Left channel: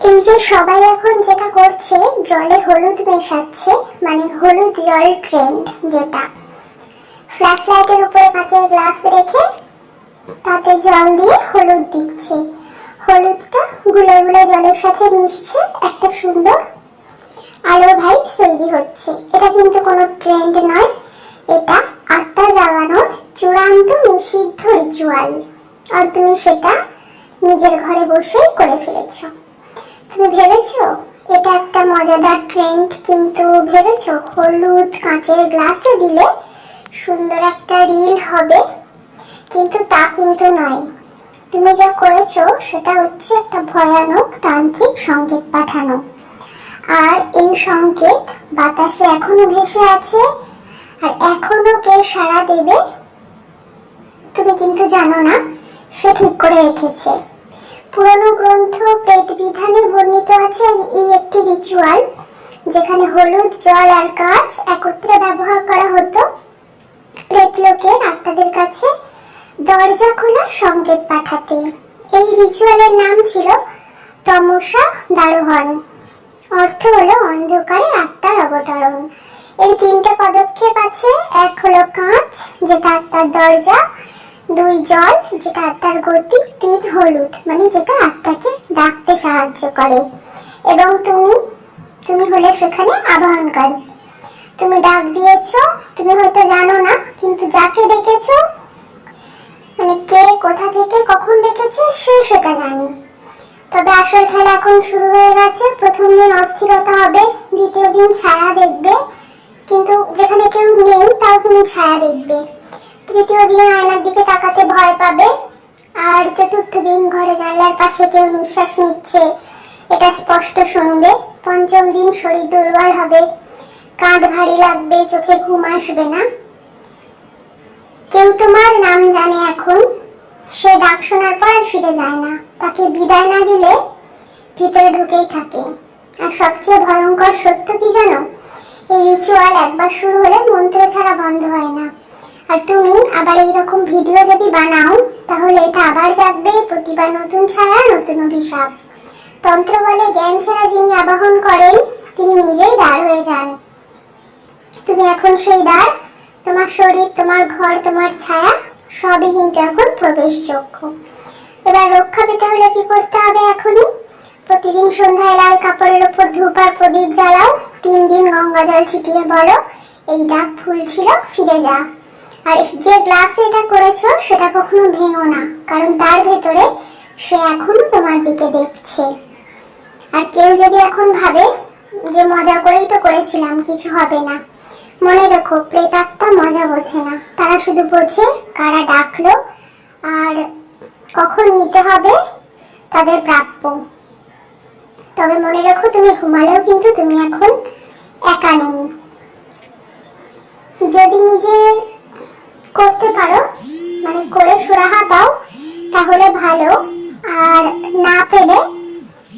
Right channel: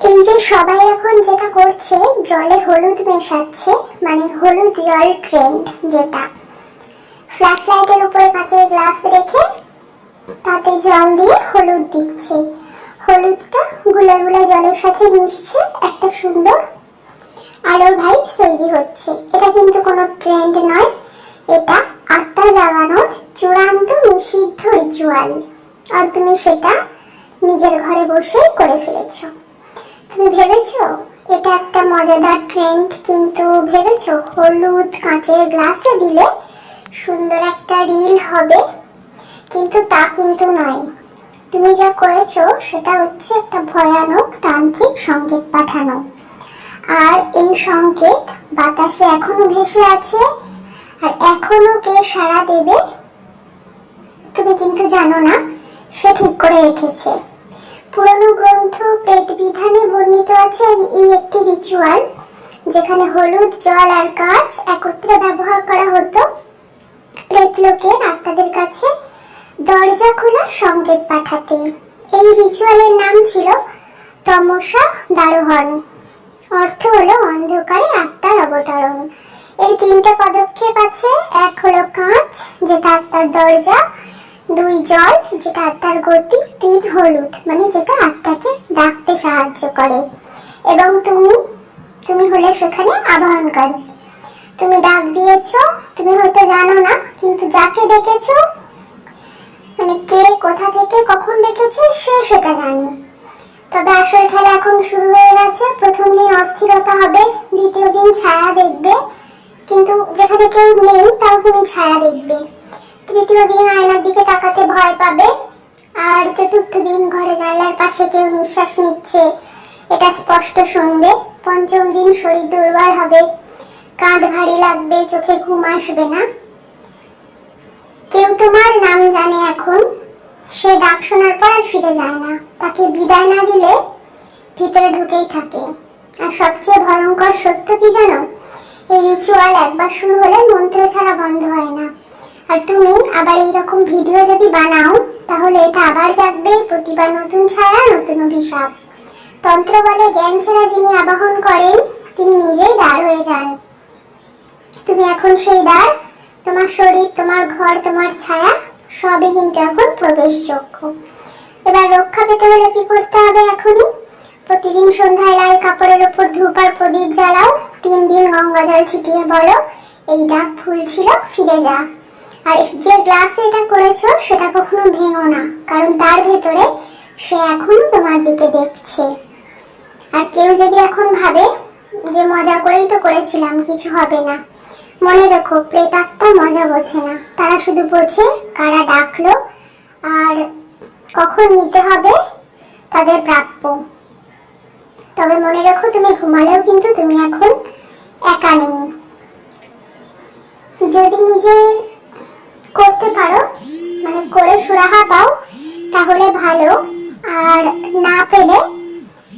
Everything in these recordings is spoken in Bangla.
এই যে সবাই এখন যেটা করছে, জলে হলুদ মেশাচ্ছে মানে হলুদ জল ট্রেন্ড যেটা। ফ্ল্যাশ লাইটের উপরে কাঁচের গ্লাস রেখে তাতে জল দিয়ে হলুদ দিচ্ছে। হলুদটা গুলা গুলা জলের সাথে মিশছে, একটা সুন্দর আলোর ভাইব তৈরি হচ্ছে। এটা কিন্তু কোনো ট্রেন্ড নয়, এটা আত্মা জাগানোর চূড়ান্ত নিষিদ্ধ রিচুয়াল আর তুমি সেটা নিজের ঘরে বসেই করে ফেলেছো। ভেবেছো? এটা একটা মজাদার ট্রেন্ড কিন্তু ভেবেছো? হলুদ কাঁচের গ্লাসে দিলে সুন্দর একটা রিল হবে। কিন্তু তা কিন্তু নয়। তুমি যা করেছ, সেটা হচ্ছে একটা ভয়ানক তান্ত্রিক সংকেত পাঠানো। আর এই সংকেত বাতাসে এখনও ভেসে আছে, আর এখনও কে সাড়া দেবে, তুমি কিন্তু জানো না, সে ঠিক করে রেখেছে। পুরনো গ্রন্থ প্রেত বিধানে বর্ণিত আছে এই একটি রিচুয়াল যেখানে হলুদ, জল আর কাঁচ একত্রে ব্যবহার করা হতো। প্রেতলোকের আত্মাদের কাছে দরজা খোলা সংকেত পাঠাতে। এই রিচুয়ালের নাম ছিল তমসা দারোহণ। অর্থ হলো অন্ধকারে আত্মার অবতরণ। এর তিনটে পদক্ষেপ আছে। এক হলো কাঁচ, যেটা আত্মার দরজা দুই জল, যেটা আত্মার গতি, তিন হলুদ মানে যেটা আত্মাকে ডাকতে সাহায্য করে। এবং তুমি তুমি হলে সেখানে আবাহনকারী। তুমি ডাক দিয়েছ, তুমি হয়তো জানো না, কিন্তু যাকে ডেকেছ মানে কে কোথা থেকে কখন ডেকেছে, সে সেটা জানে। তবে আসল খেলা এখন শুরু হয়ে গেছে। প্রথম দিন অস্থিরতা হবে, দ্বিতীয় দিন ছায়া দেখবে। কিন্তু যেখানে কেউ নেই, তাও তুমি ছায়া দেখবে। তৃতীয় দিন আয়নার দিকে তাকাতে ভয় পাবে। আর চতুর্থ দিন ঘরে জানলার পাশে কেউ নিঃশ্বাস নিচ্ছে। এটা স্পষ্ট শুনবে। পঞ্চম দিন শরীর দুর্বল হবে। কাঁধ ভারী লাগবে, চোখে ঘুম আসবে না। কেউ তোমার নাম জানে এখন। সে ডাক শোনার পর আর ফিরে যায় না। তাকে বিদায় না দিলে ভিতরে ঢুকেই থাকে। আর সবচেয়ে ভয়ঙ্কর সত্য কি জানো? এই রিচুয়াল একবার শুরু হলে মন্ত্র ছাড়া বন্ধ হয় না। আর তুমি আবার এইরকম ভিডিও যদি বানাও, তাহলে এটা আবার জাগবে প্রতিবার নতুন ছায়া, নতুন অভিশাপ। তন্ত্র বলে, জ্ঞান ছাড়া যিনি আবাহন করেন, তিনি নিজেই দাঁড় হয়ে যান। তুমি এখন সেই দ্বার তোমার শরীর, তোমার ঘর, তোমার ছায়া, সবই কিন্তু এখন প্রবেশযোগ্য। এবার রক্ষা পেতে হলে কি করতে হবে এখনই? প্রতিদিন সন্ধ্যায় লাল কাপড়ের ওপর ধূপ আর প্রদীপ জ্বালাও, তিন দিন গঙ্গা জল ছিটিয়ে বলো, এই ডাক ভুল ছিল, ফিরে যা। আর যে গ্লাসে এটা করেছ, সেটা কখনো ভেঙো না। কারণ তার ভেতরে সে এখনও তোমার দিকে দেখছে। আর কেউ যদি এখন ভাবে যে মজা করেই তো করেছিলাম, কিছু হবে না। মনে রেখো, প্রেতাত্মা মজা বোঝে না। তারা শুধু বোঝে কারা ডাকলো আর কখন নিতে হবে তাদের প্রাপ্য। তবে মনে রাখো, তুমি ঘুমালেও কিন্তু তুমি এখন একা নেই। যদি নিজে করতে পারো মানে করে সুরাহা পাও তাহলে ভালো। আর না পেলে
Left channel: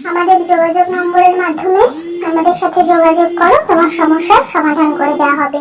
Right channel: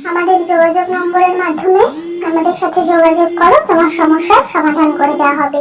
আমাদের যোগাযোগ নম্বরের মাধ্যমে আমাদের সাথে যোগাযোগ করো, তোমার সমস্যার সমাধান করে দেওয়া হবে।